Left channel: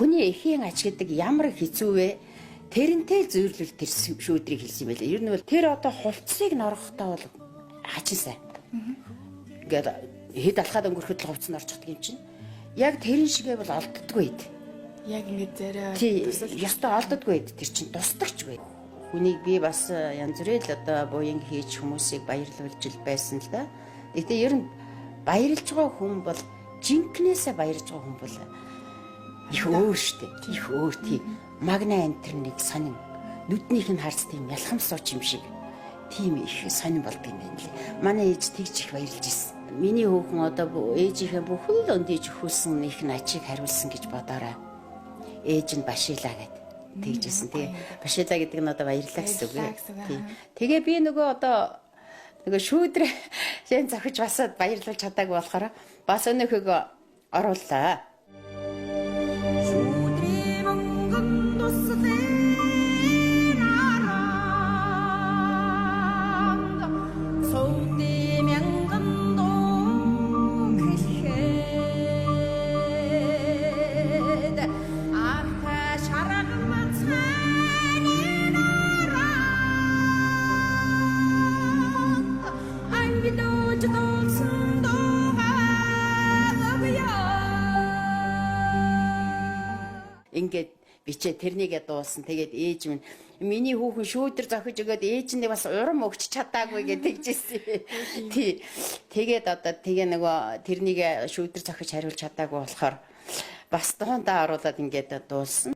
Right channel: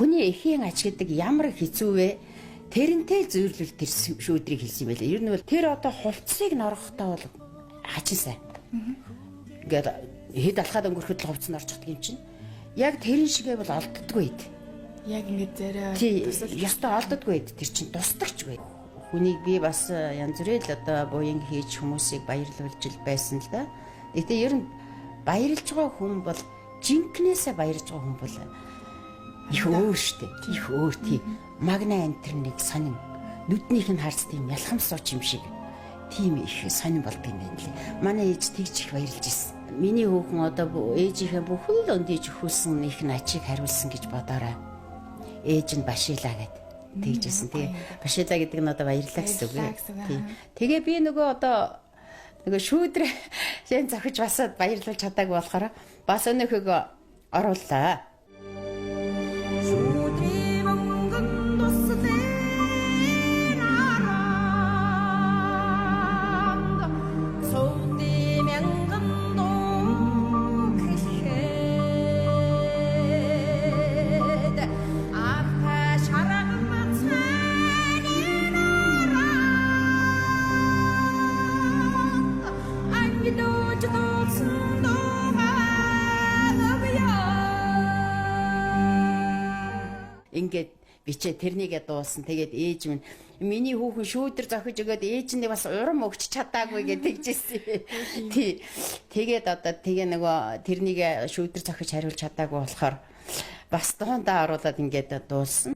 хүний эхийн ач гэдэг ямар хэцүү вэ? Тэрнтэй зөөрлөл тэр шүүдрийг хэлсэн юм байлээ. Ер нь бол тэр одоо хувцсыг норгохдоо бол хачин сайн. Ингээд хэд алхаад өнгөрөхөд л хувцс нь орчихдаг юм чинь. Яг тэрэн шигээ бол олддоггүй ид. Яг ингээд зарай ястаа олддоггүй ид. Тэр чинь тусдагчгүй. Хүнийг би бас янз бүрийн л одоо буян хийж хүмүүсийг баярлуулж ил байсан л да. Гэтэ ер нь баярлж байгаа хүн бол жинкнээсээ баярлж байгаа хүн бол их өөр штэ. Их өөр тийм. Магна энтернийг сонин. Нүднийх нь харц тийм ялхам сууч юм шиг. Тийм их сонин болдго юм байна лээ. Манай ээж тэгж их баярлж ирсэн. Миний хүүхэн одоо ээжийнхээ бүхэл өндийж өгүүлсэн их ачийг хариулсан гэж бодоорой. Ээж нь башилаа гэд тэгжсэн. Тэгээ башилаа гэдэг нь одоо баярлаа гэсэн үг. Тийм. Тэгээ би нөгөө одоо нөгөө шүүдрээ шин зохиж басаад баярлуулж чадаагүй болохоор бас өнөөхөө орууллаа. Шүүдрээ мөнгөн туслааранд суудэ мянган доо гэхэд авта шаргам цанинара ангидож дулсан ингээд бичээ тэрнийгээ дуулсан. Тэгээд ээж минь миний хүүхэн шүүдэр зохиж өгөөд ээж нь бас урам өгч чадаагүй гэдэг жийсэн. Тий. Тэгээд одоо тэгээ нөгөө тэрнийгээ шүүдэр зохиж хариулж чадаагүй болохоор бас дундаа оруулаад ингээд дуулсан.